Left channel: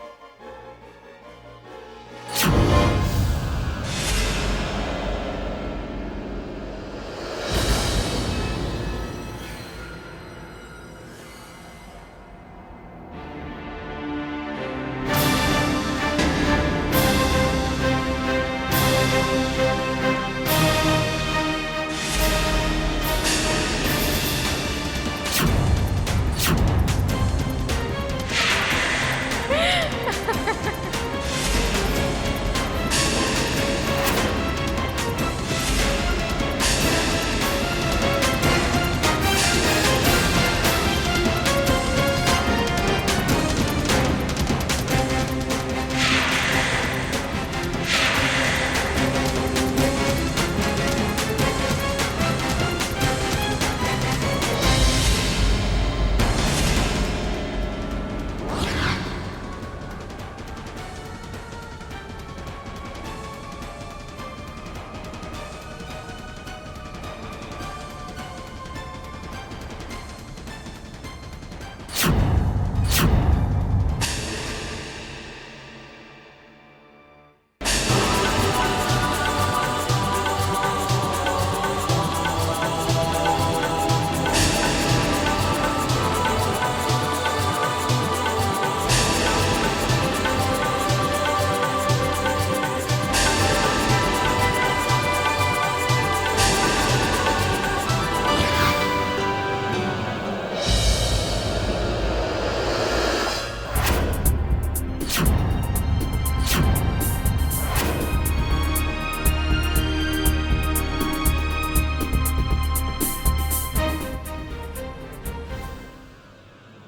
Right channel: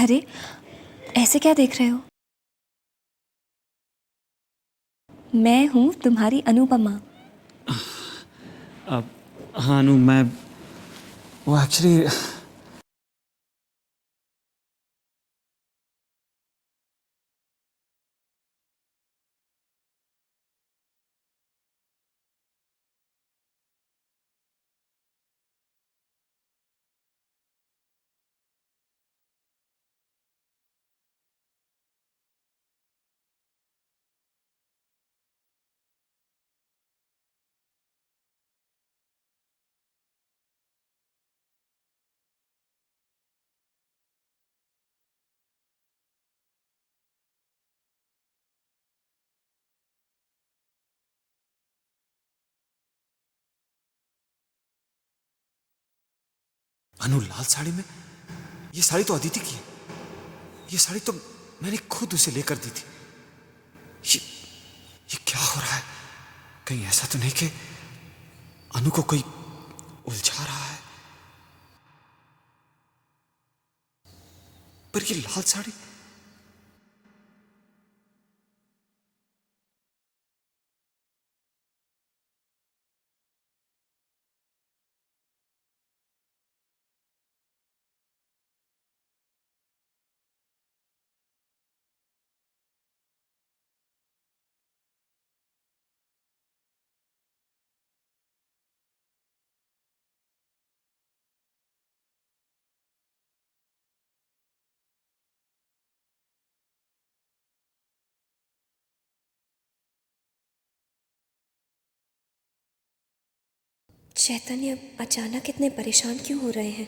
अरे ऐसे क्या देख रहे हो? मैं हूँ तुम्हारी अनुपमा। हाँ अनु, मैं वो एक्चुअली साड़ी तो अदिति की। ये साड़ी तो मैंने खुद उसे लेकर दी थी। ये क्या हो रहा है? कहीं ऐसा तो नहीं कि अनु को कोई उलझा रहा है? पर ये लाल साड़ी चैतन्य अचानक इतने परेशान क्यों हो रहे हैं?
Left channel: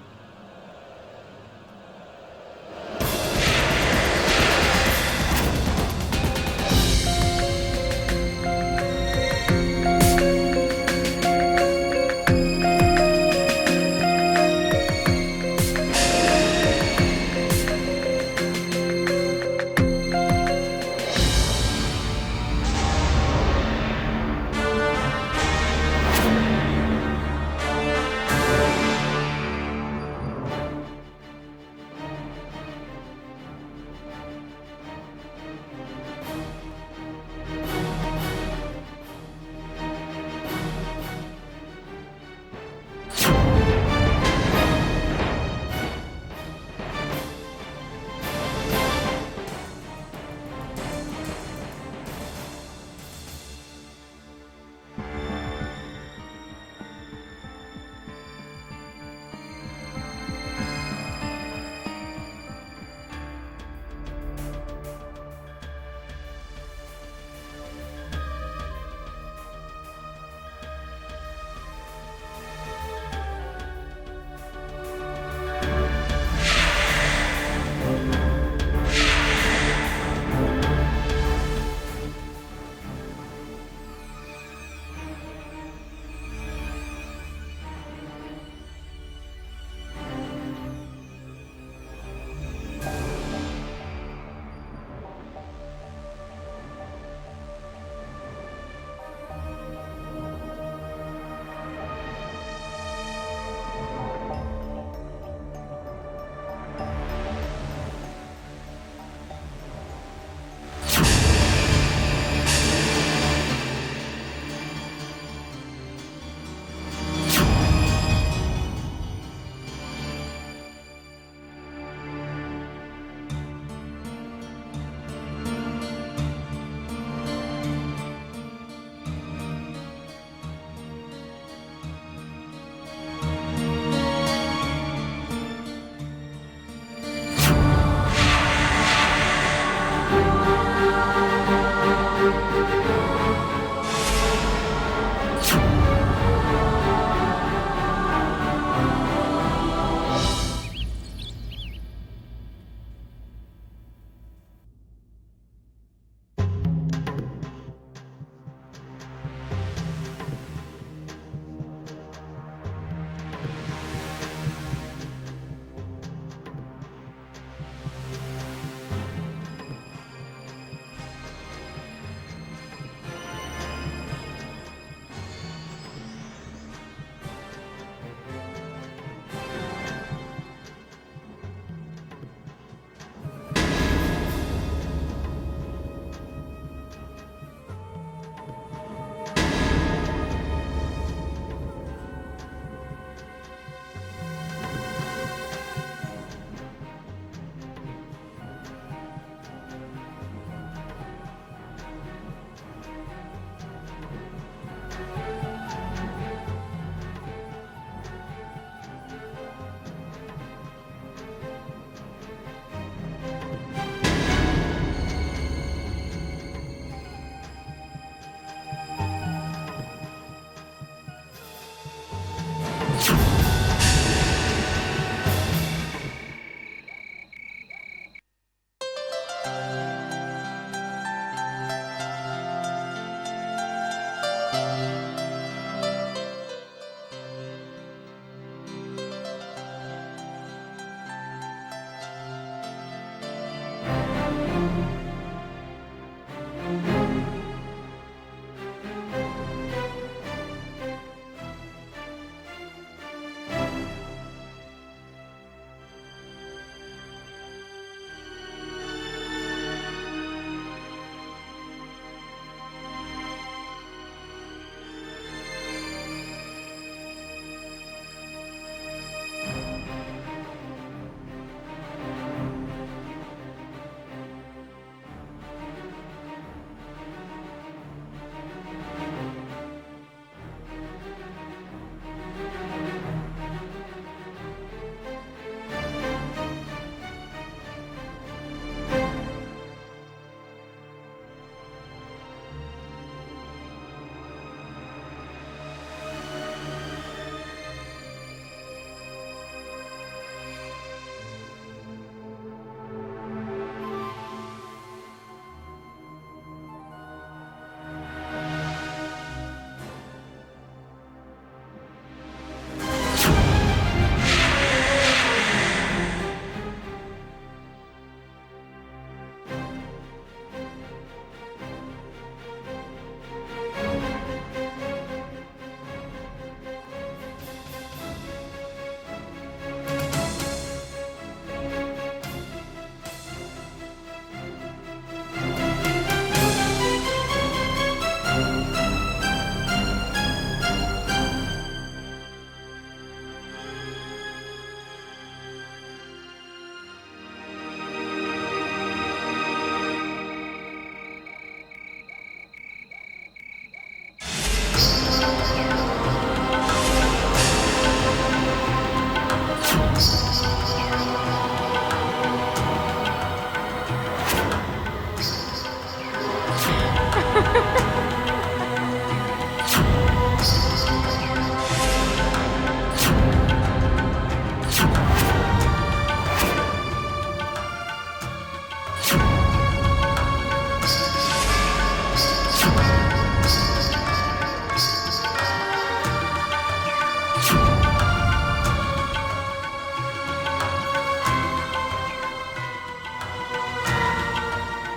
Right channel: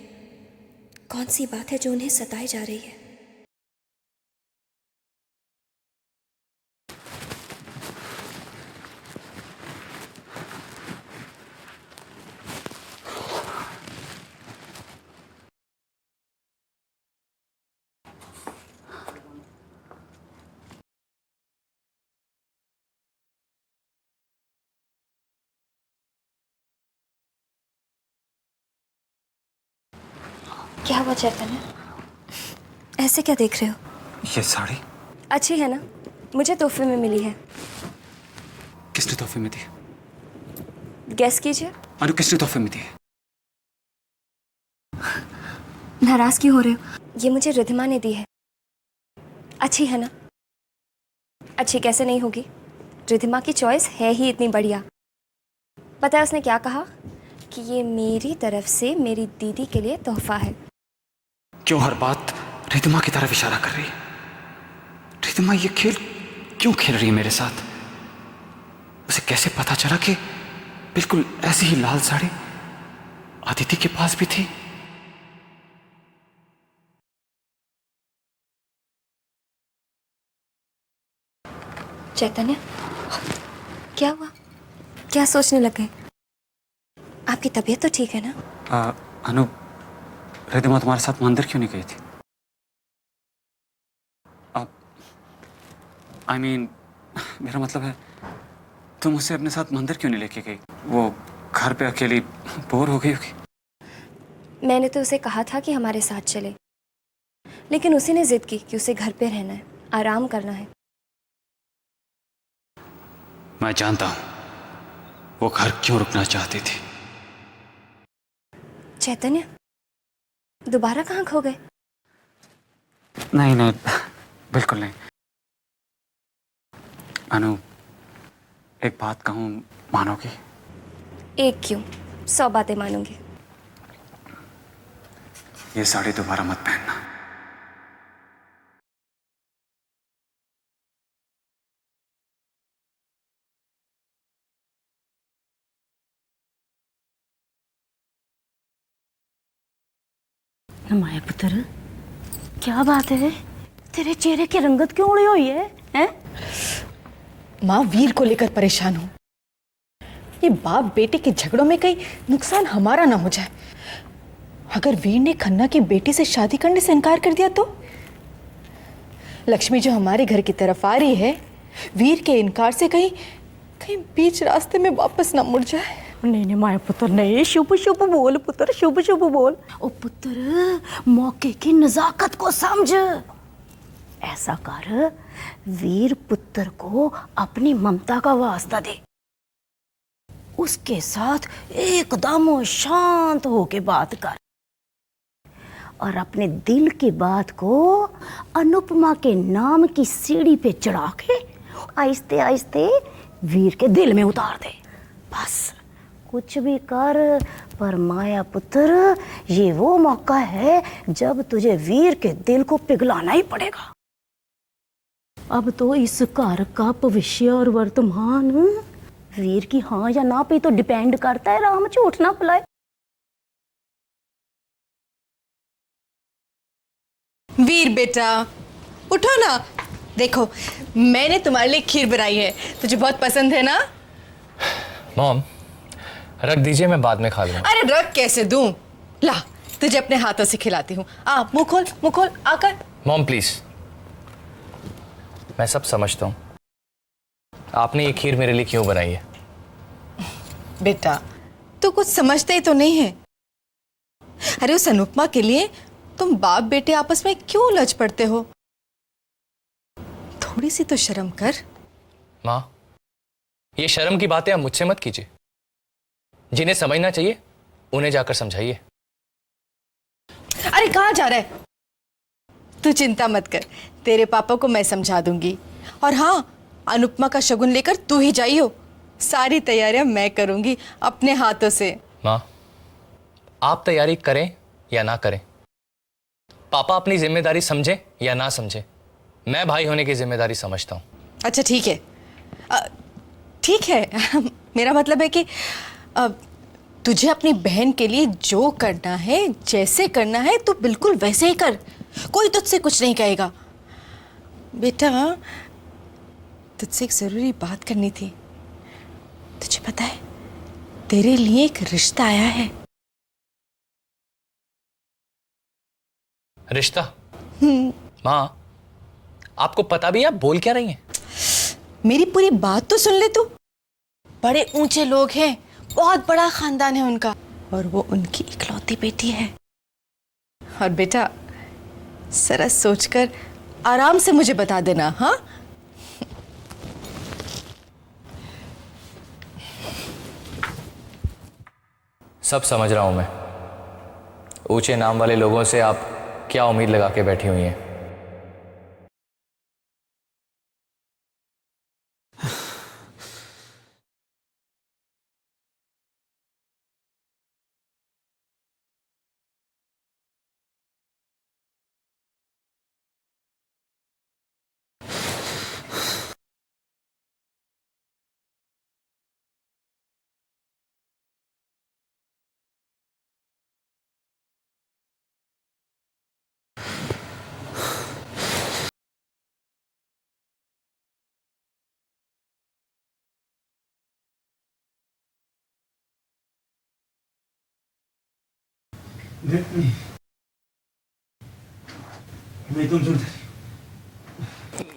कौन सी बात है जो उन्हें सताई जा रही है? क्या हुआ चैतन्य? ऐसे क्या देख रहे हो? ये साड़ी अच्छी है ना? मुझे तोहफे में मिली है। किसने तोहफे में दी? गेस कीजिए। अनु किसने तोहफे में दी? नाराज क्यों हो रहे हो? ये मुझे रिधिमा ने दी है। अच्छी है ना? अच्छी कैसे नहीं होगी? रिधिमा की चॉइस है ही इतनी बढ़िया। पता है उसने क्या कहा? कि ये मेरी तरफ से मेरी दीदी के लिए तोहफा है। क्यों हर बात रिधिमा की तरफ इशारा कर रही है? रिधिमा ये खेल क्यों खेल रही है मेरे साथ? उसे कैसे पता चला कि बिल्कुल ऐसी ही लाल साड़ी अदिति के पास भी थी? चैतन्य, क्या हुआ? क्या सोचने लग गए? आपकी तबीयत तो ठीक है ना? अनु, रिधिमा तुम्हारे साथ मंदिर क्यों नहीं गई थी? I mean, मेरा मतलब है तुम उसे अपने साथ मंदिर क्यों नहीं लेके गई? वो घर पे अकेली बोर हो गई होगी। मैंने तो उसे कहा था कि हमारे साथ चले, लेकिन उसी ने जिद की कि उसे घर पे रहना है, आराम करना है। मैं जानता हूँ वो घर क्यों रुकना चाहती थी। चैतन्य, दोबारा कहाँ खो गए? नहीं नहीं, बिल्कुल नहीं। अनु, एक बात कहूँ, मानोगी? एक क्यों, 100 बातें मानूंगी। ये साड़ी दोबारा मत पहनना। माया पुत्र, क्या बात है? तेरे चेहरे की रंगत क्यों उड़ी हुई है? हैं? माँ वीर को लेकर परेशान हूँ। ये बाप बेटे के झगड़ों में कहीं नुकसान हमारा ना हो जाए। अगर वीर ने खन्ना की बेटी से शादी करने से इनकार कर दिया तो? लक्ष्मी जो हमारे घर की तरफ आ रही है, वीर के इनकार से कहीं कहीं बीच रास्ते में वापस ना मुड़ जाए। नहीं नहीं माया पुत्र नहीं, शुभ शुभ बोल पुत्र, शुभ शुभ बोल। ओ पुत्र, मौके की नजाकत को समझ। ऐसा कर, वीर पुत्र को अपनी ममता का वास्ता दे, उसके साथ एकदम शांत होके बात कर और अपने दिल की बात को अनुपमा के नाम की सीढ़ी पे चढ़ा के आहिस्ते आहिस्ते वीर के दिल में उतार दे। बस कुछ भी कर, पर माया पुत्र ये वो मौका है जब तुझे वीर के दिल को पिघलाना ही पड़ेगा। अब तो इस घर का भविष्य और वर्तमान वीर की हाँ या ना पे तो डिपेंड करता है, राम झूठ ना बुलाए। वीर बेटा उठो ना, देखो मैंने तुम्हारे लिए खीर बनाई है, तुझे बहुत पसंद है ना? मॉम, रख दीजिए, मैं बाद में खा लूंगा। अरे रख कैसे दूं? ला तुझे अपने हाथों से खिलाती हूँ। आ मुंह खोल आकर। मॉम प्लीज, मैं सब समझता हूँ, आपने ये खीर मेरे लिए क्यों बनाई है। बेटा तू कुछ समझते ही तो नहीं है। अरे उस अनुपमा के लिए तुम बाप बेटे आपस में क्यों उलझ पड़ते हो? थोड़ी सी तो शर्म कर। माँ, ये शर्म की बातें आप मुझसे मत कीजिए, जिन्हें समझना चाहिए उन्हें जाकर समझाइए। अरे कहाँ जा रहा है? तू चिंता मत कर, तेरे पापा को मैं समझा दूंगी। और हाँ, अनुपमा का शगुन लेकर तू ही जाइयो, सारी तैयारियां मैं करूंगी अपने हाथों से। माँ, आप तैयारी करें या ना करें, पापा अपनी जिम्मेदारी समझें या ना समझें, मैं भाई होने की जिम्मेदारी समझता हूँ। अच्छा ठीक है, ठीक है। मेरा मतलब है कि तुझे अपनी बहन के लिए जो करना है, जैसे करना है, तो बिल्कुल वैसे ही कर, कोई तुझसे कुछ नहीं कहेगा। बेटा तुझसे एक जरूरी बात करनी थी। तुझे पता है तेरे लिए एक रिश्ता आया है। रिश्ता? माँ, आपको पता भी है आप बोल क्या रही हैं? मेरी पूरी बात तो सुन ले तू। बड़े ऊंचे लोग हैं, बहुत बड़ा खानदान है उनका, और वो उनकी इकलौती बेटी है। और बेटा जरा सोचकर आराम से मुझे बता देना। हाँ सब समझ रहा हूं मैं, ऊंचे नाम वाले लोगों से आप क्या उम्मीद लगा के बैठी हुई हैं।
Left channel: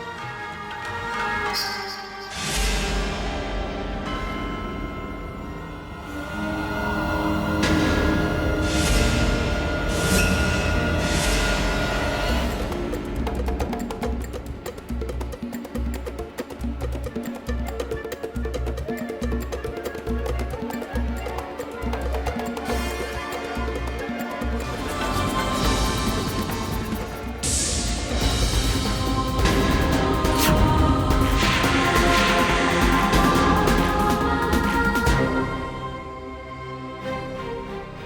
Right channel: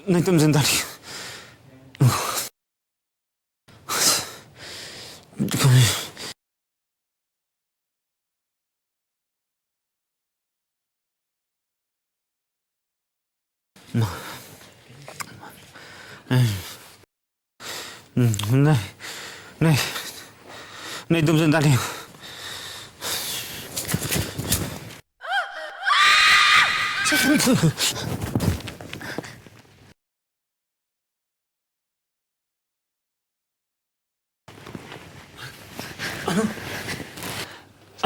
नहीं, तुम जिंदा नहीं। नहीं नहीं नहीं, तुम जिंदा नहीं हो।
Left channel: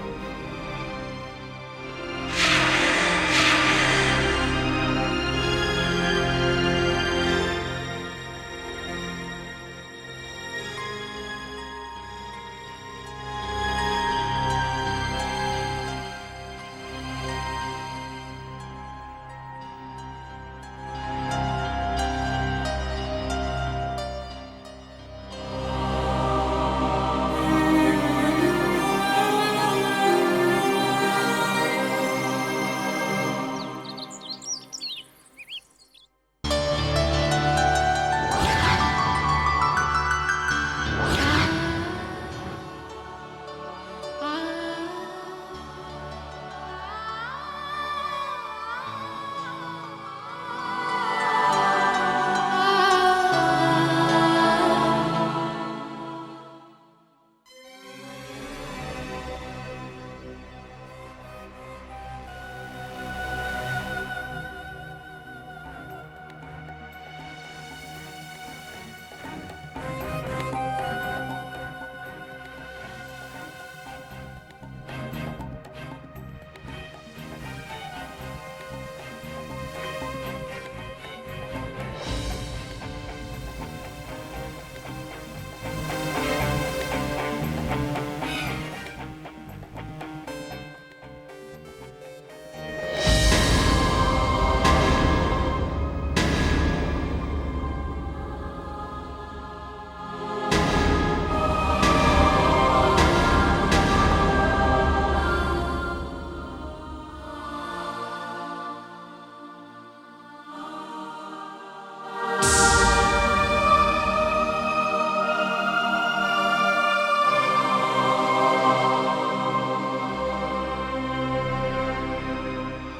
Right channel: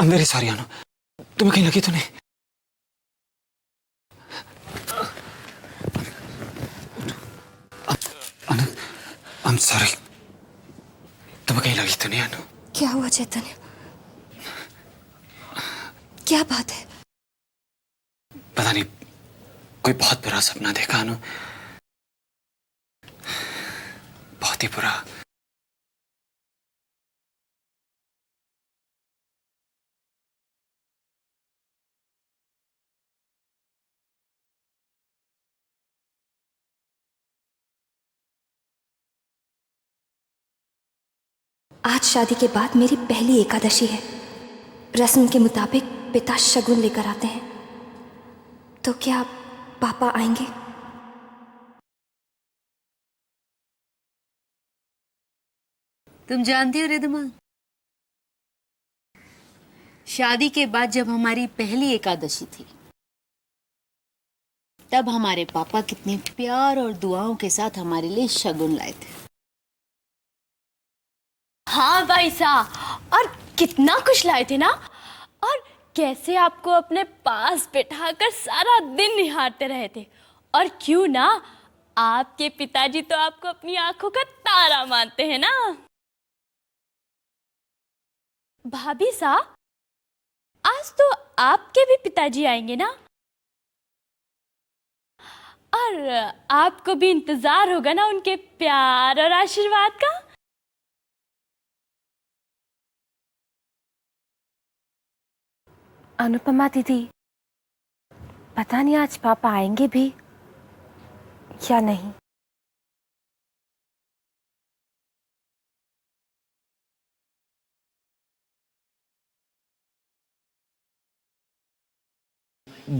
अंदर है सारी। अनु, तुम्हें कहीं लगी तो नहीं? अनु, I'm sorry, तुम्हें कहीं लगी तो नहीं? अनु, क्या हुआ चेतन? क्या बात है? पता नहीं, कोई बहुत बुरा सपना देखा अनु, बहुत ही बुरा। आज शादी के बाद मेरी पहली एकादशी है। रस्म के मुताबिक पिता शगुन लेकर आते हैं। तो क्या पापा आएंगे? तुम जानती हो रिद्धमा, शादी के बाद जब हमारी पहली एकादशी थी, तब हमारे पापा कितने प्यार और दुआओं के साथ हमारे लिए शगुन लाए थे। हाँ भाई साहब, और कितना कुछ लाए थे ना। और कैसे आपको अपने पास बिठाकर सारा दिन निहारते रहे थे। और क्यों ना, आपके पिताजी तो आपको अपनी आंखों का तारा मानते हैं ना। भाभी साहब, आज तो आपके भी पिताजी आएंगे ना, और आपको भी इंतजार होगा ना उनके प्यार और आशीर्वाद का। अनुपमा दीदी, पता नहीं आज पापा आएंगे भी या नहीं।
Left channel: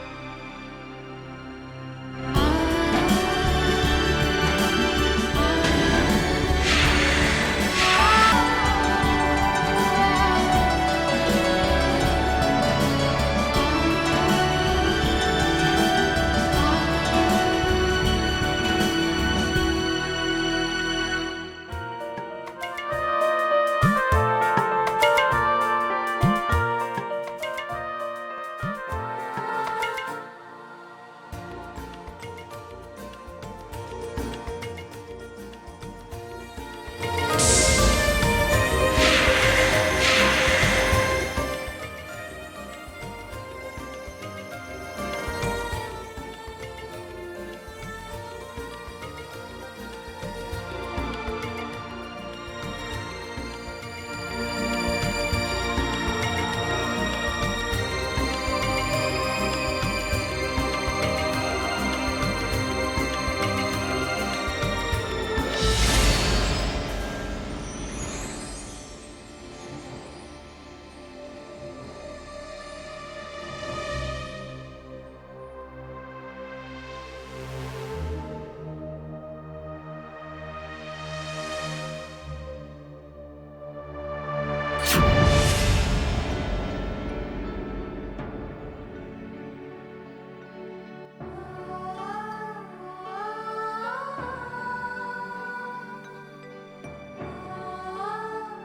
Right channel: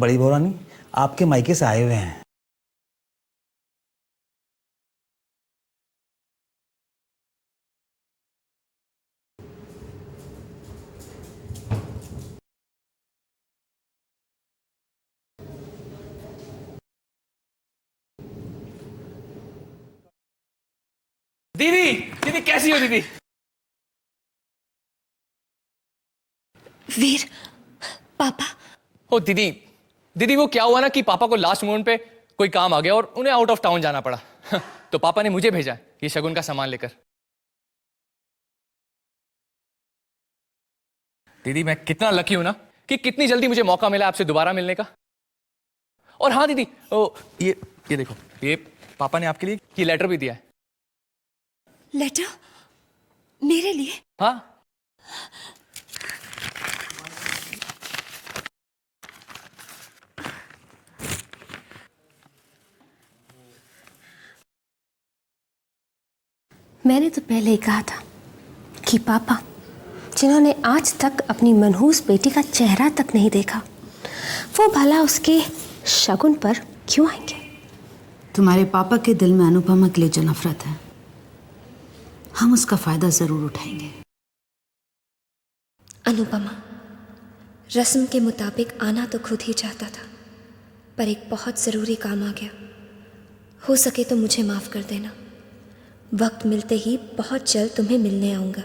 बड़ी भवानी आपके मायके से आए हुए हैं। दीदी, दीदी कैसी हो दीदी? वीर, पापा। ओ दीदी, दीदी वो क्या हुआ ना कि पापा को लास्ट मोमेंट पे कोई काम आ गया और उन्हें आउट ऑफ टाउन जाना पड़ा। तो पापा ने मुझे भेजा ये शगुन का सामान लेकर। दीदी मैं कितना लकी हूं ना कि कितनी जल्दी मुझे मौका मिला आपसे दोबारा मिलने का। और हाँ दीदी, ओ ये देखो, ये पापा ने आपके लिए ये लेटर भी दिया। लेटर? मेरे लिए? हाँ। मैंने तो पहले ही कहा था कि पापा, जिन्होंने आज तक अपनी मनहूस बेटी का चेहरा तक नहीं देखा, वो भला उसके शगुन पर क्यों आएंगे? तुम्हारे पापा के दिल में अनुपमा के लिए जो नफरत है, हम उसका फायदा जरूर उठाएंगे। अनुपमा, रस्म के मुताबिक आना तो खुद ही चाहता था, पर एक बहुत ज़रूरी काम आ गया। हो सके तो मुझे माफ़ कर देना। वक्त मिलते ही बहुत जल्द तुम्हें मिलने आऊँगा।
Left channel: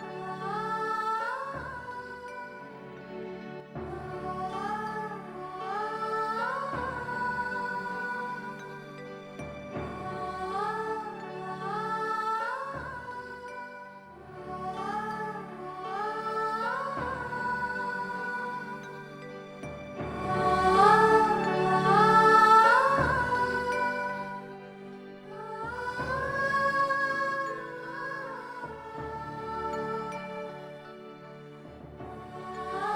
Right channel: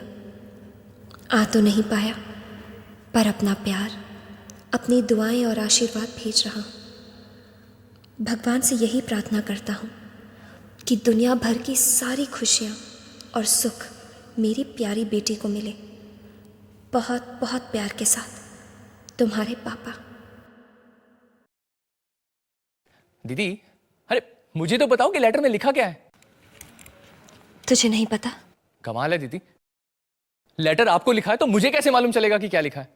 आ तो नहीं पाया, पर अपना प्यार, अपनी दुआएं और आशीर्वाद भेज रहा हूँ। भगवान से यही प्रार्थना करता हूँ कि दुनिया भर की सारी खुशियाँ और सुख मेरी प्यारी बेटी को मिले। बहुत बहुत प्यार के साथ, तुम्हारे पापा। दीदी, अरे मुझे तो बताओ कि लेटर में लिखा क्या है? तुझे नहीं पता? कमाल है दीदी, लेटर आपको लिखा है तो मुझे कैसे मालूम चलेगा कि क्या लिखा है?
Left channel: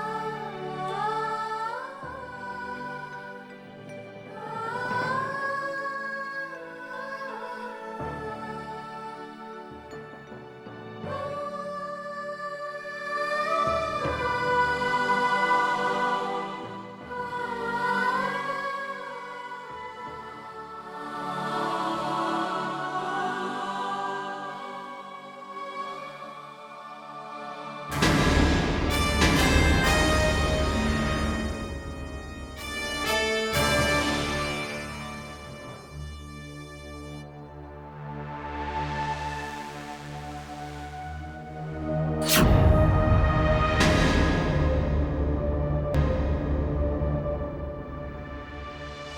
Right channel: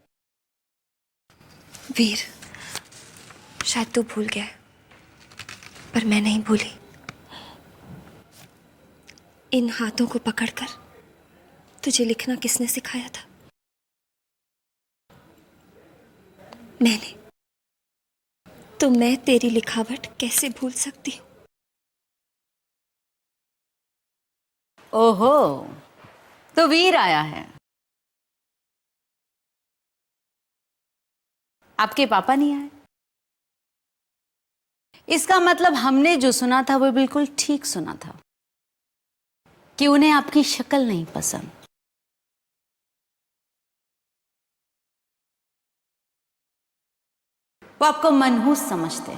वीर, शायद तू भूल गया है, पर मैं नहीं भूली। इन हाथों को पकड़कर तुझे लिखना किसने सिखाया था? मैंने। तो मैं तेरी लिखावट कैसे भूल सकती? ओहो, तो वीर आया है। आपके पापा नहीं आए? इसका मतलब हमने जो सुना था वो बिल्कुल ठीक सुना था कि उन्हें आपकी शक्ल नहीं पसंद। वो आपको मनहूस समझते हैं।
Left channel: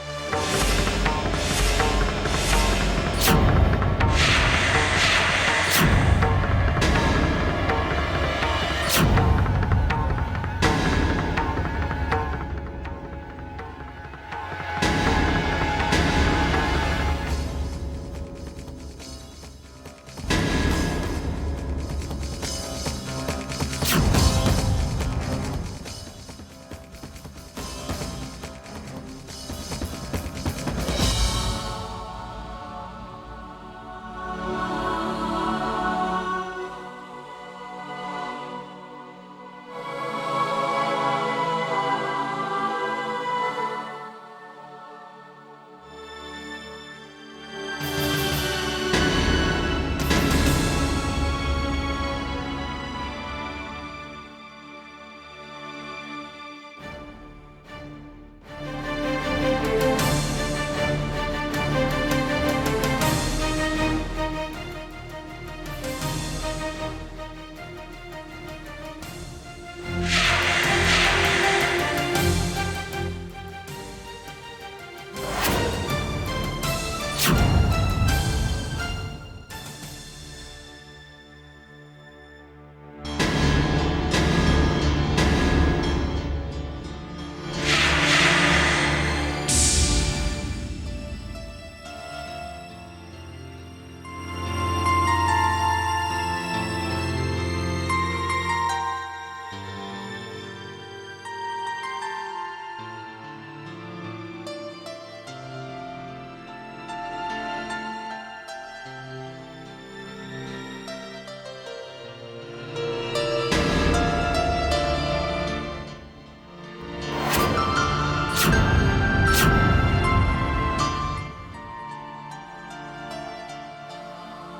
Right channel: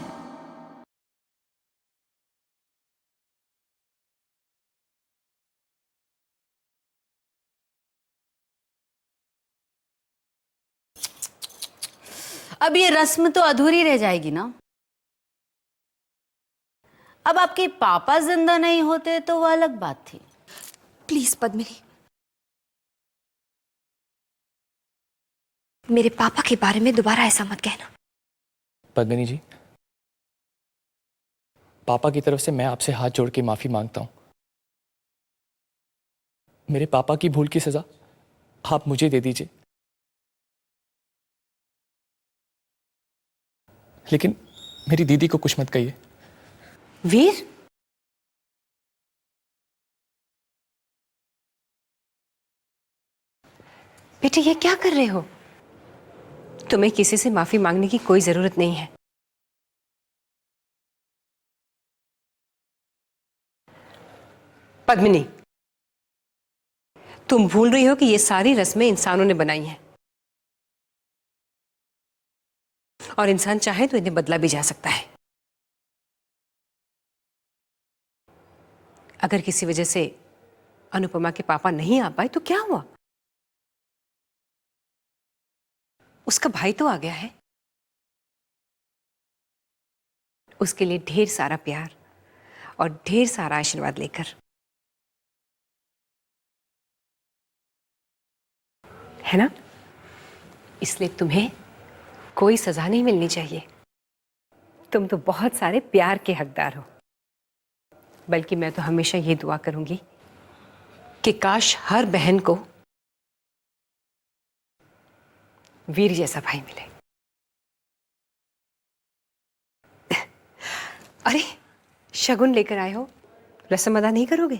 अब ये रस्म तो अधूरी रह जाएगी ना। अब आपके पापा जिंदा नहीं होते तो वो अलग बात थी। प्लीज पद्मिनी, मेरे पापा के बारे में दोबारा ऐसा मत कहना। पद्मिनी जी, पापा की तरफ से मैं आपसे हाथ जोड़ के माफी मांगता हूं। मेरे पापा की भूल की सजा आप मुझे दे दीजिए, लेकिन मेरी दीदी को कुछ मत कहिए। वीर, बेटे ये क्या कर रहे हो? तुम्हें किसी से माफी मांगने की कोई जरूरत नहीं है। पद्मिनी, तुम भूल रही हो कि ये सारी रस्में इंसानों ने बनाई हैं और इंसान चाहे तो इन्हें बदला भी जा सकता है। अगर किसी वजह से अनुपमा के पापा नहीं आ पाए तो क्या हुआ? उसका भाई तो आ गया है। उसके लिए ढेर सारा प्यार और ढेर सारा आशीर्वाद लेकर, है ना? इसलिए तुम्हें कोई सजा नहीं मिलनी चाहिए। तुम तो बहुत सारे प्यार के हकदार हो। बल्कि मैं तो हमेशा ये दुआ करूंगी कि काश हर बहन को वीर जैसा भाई मिले। अरे शगुन लेकर आए हो, रस्म अदा नहीं करोगे?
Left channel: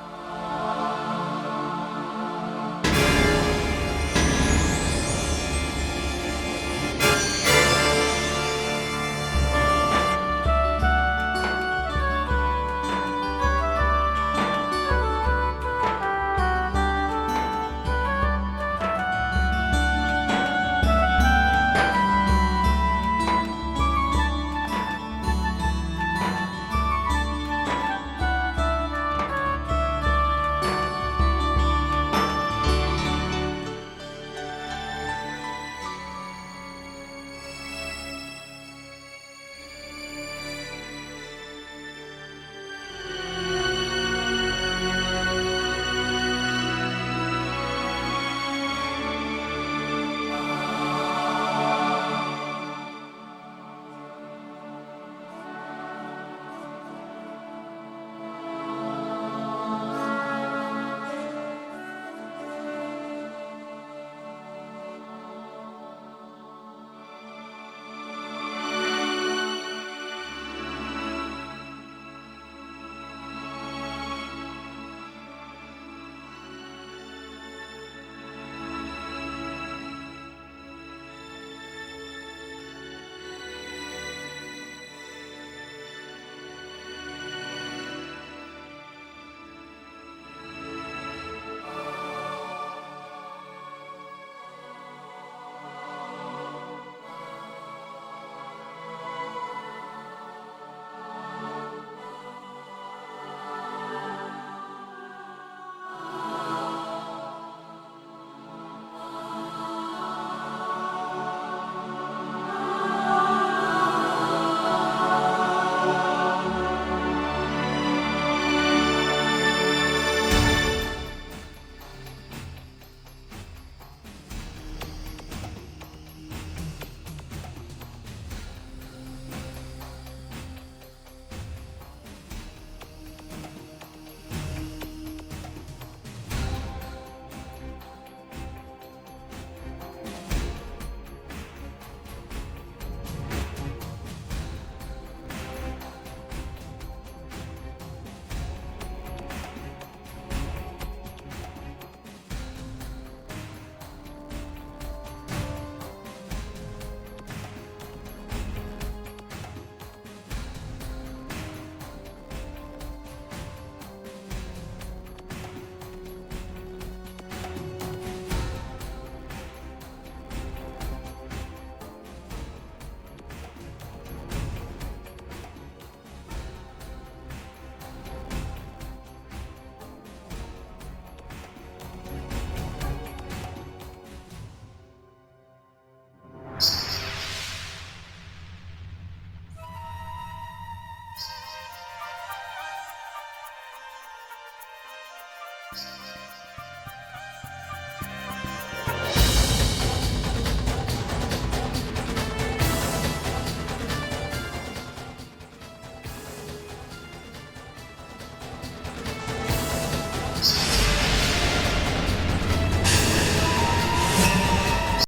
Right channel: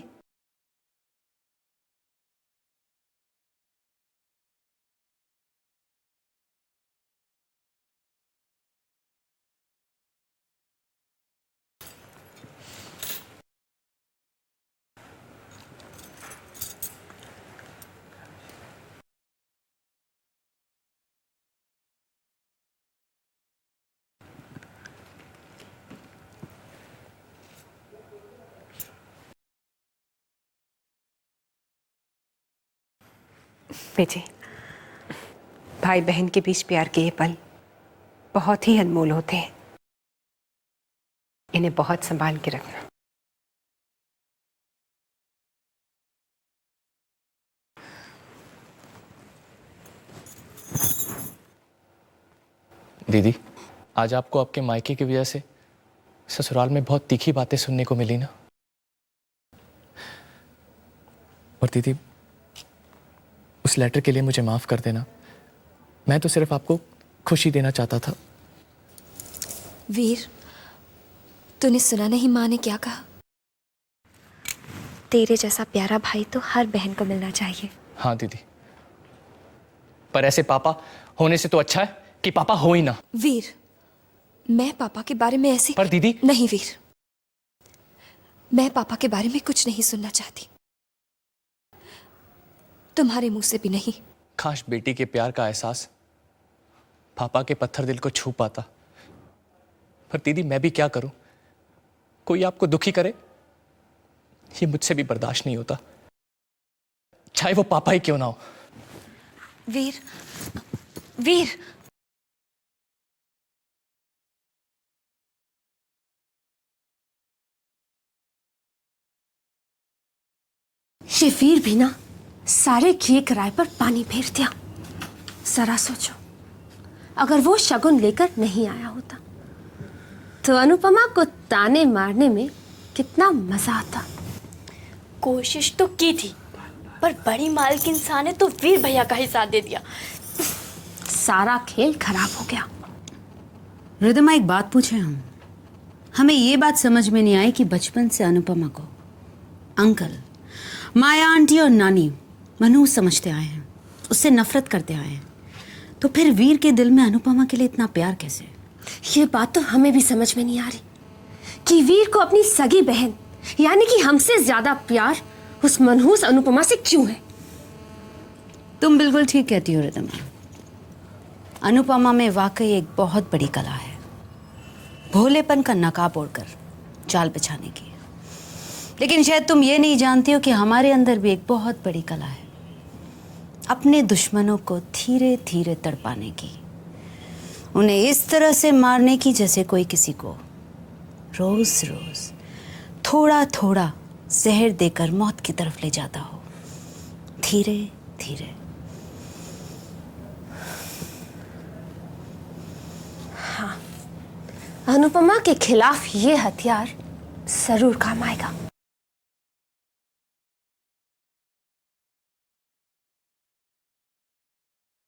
बेटे, भाई बहन के बीच प्यार के ये पल बहुत ही अनमोल होते हैं। इन्हें बहुत संभाल के रखना। दीदी, आज आपको आपके मायके की वजह से ससुराल में बहुत तीखी बातें सुनने को मिली ना। और दीदी, उस लेटर के लिए मुझे माफ कर देना। मैं तो सिर्फ आपको खुशी देना चाहता था। वीर, तूने सुना नहीं माँ ने क्या कहा? तेरे जैसा प्यारा भाई तो हर बहन को मिलना चाहिए। हाँ दीदी, पर ऐसे पापा होने से तो अच्छा है कि पापा हो ही ना। वीर, मैं पापा के बारे में ऐसी... पर दीदी... नहीं वीर, मैं पापा के बारे में कुछ नहीं सुनना चाहती, तुम्हारे मुंह से भी नहीं। काश बेटी के प्यार का एहसास पापा के पत्थर दिल को छू पाता। पर दीदी, मैं भी क्या करूं? कोई आपको दुखी करे ये मुझसे भी बर्दाश्त नहीं होता, चाहे वो पापा ही क्यों ना हो। वीर, वीर, ये वीर भी ना सारे किए किराए पर पानी फेर दिया। जरा सोचो, अगर वो शगुन लेकर नहीं आया होता तो अनुपमा को ताने मारने में कितना मजा आता। कोशिश तो की थी, पर बड़ी मालकिन साहब ने तो वीर भैया का ही साथ दे दिया। सारा खेल खराब हो गया। रिद्धिमा, एक बात पूछे हम? हमें ये बात समझ में नहीं आई कि बचपन से अनुपमा को अंकल, माया आंटी और नानी मनहूस समझते आए हैं, उससे नफरत करते आए हैं, तो फिर वीर के दिल में अनुपमा के लिए इतना प्यार कैसे? ये बात तो हमें भी समझ में नहीं आ रही कि वीर को अपनी सगी बहन यानी कि हमसे ज्यादा प्यार उस मनहूस अनुपमा से क्यों है? तुम बिल्कुल ठीक कहती हो रिद्धिमा। अनुपमा में वाकई एक बहुत बड़ी कला है, भोलेपन का नकाब ओढ़कर जाल बिछाने की। लेकिन शायद तुम ये नहीं जानती हो कि हमारे अंदर भी एक बहुत बड़ी कला है, अपने दुश्मनों को धीरे धीरे तड़पाने की, उन्हें इस तरह से मारने की जैसे कोई किसी को रोज रोज थोड़ा थोड़ा जहर देकर मौत की तरफ ले जाता हो, धीरे धीरे। अनुपमा के खिलाफ ये हथियार जरूर काम आएगा।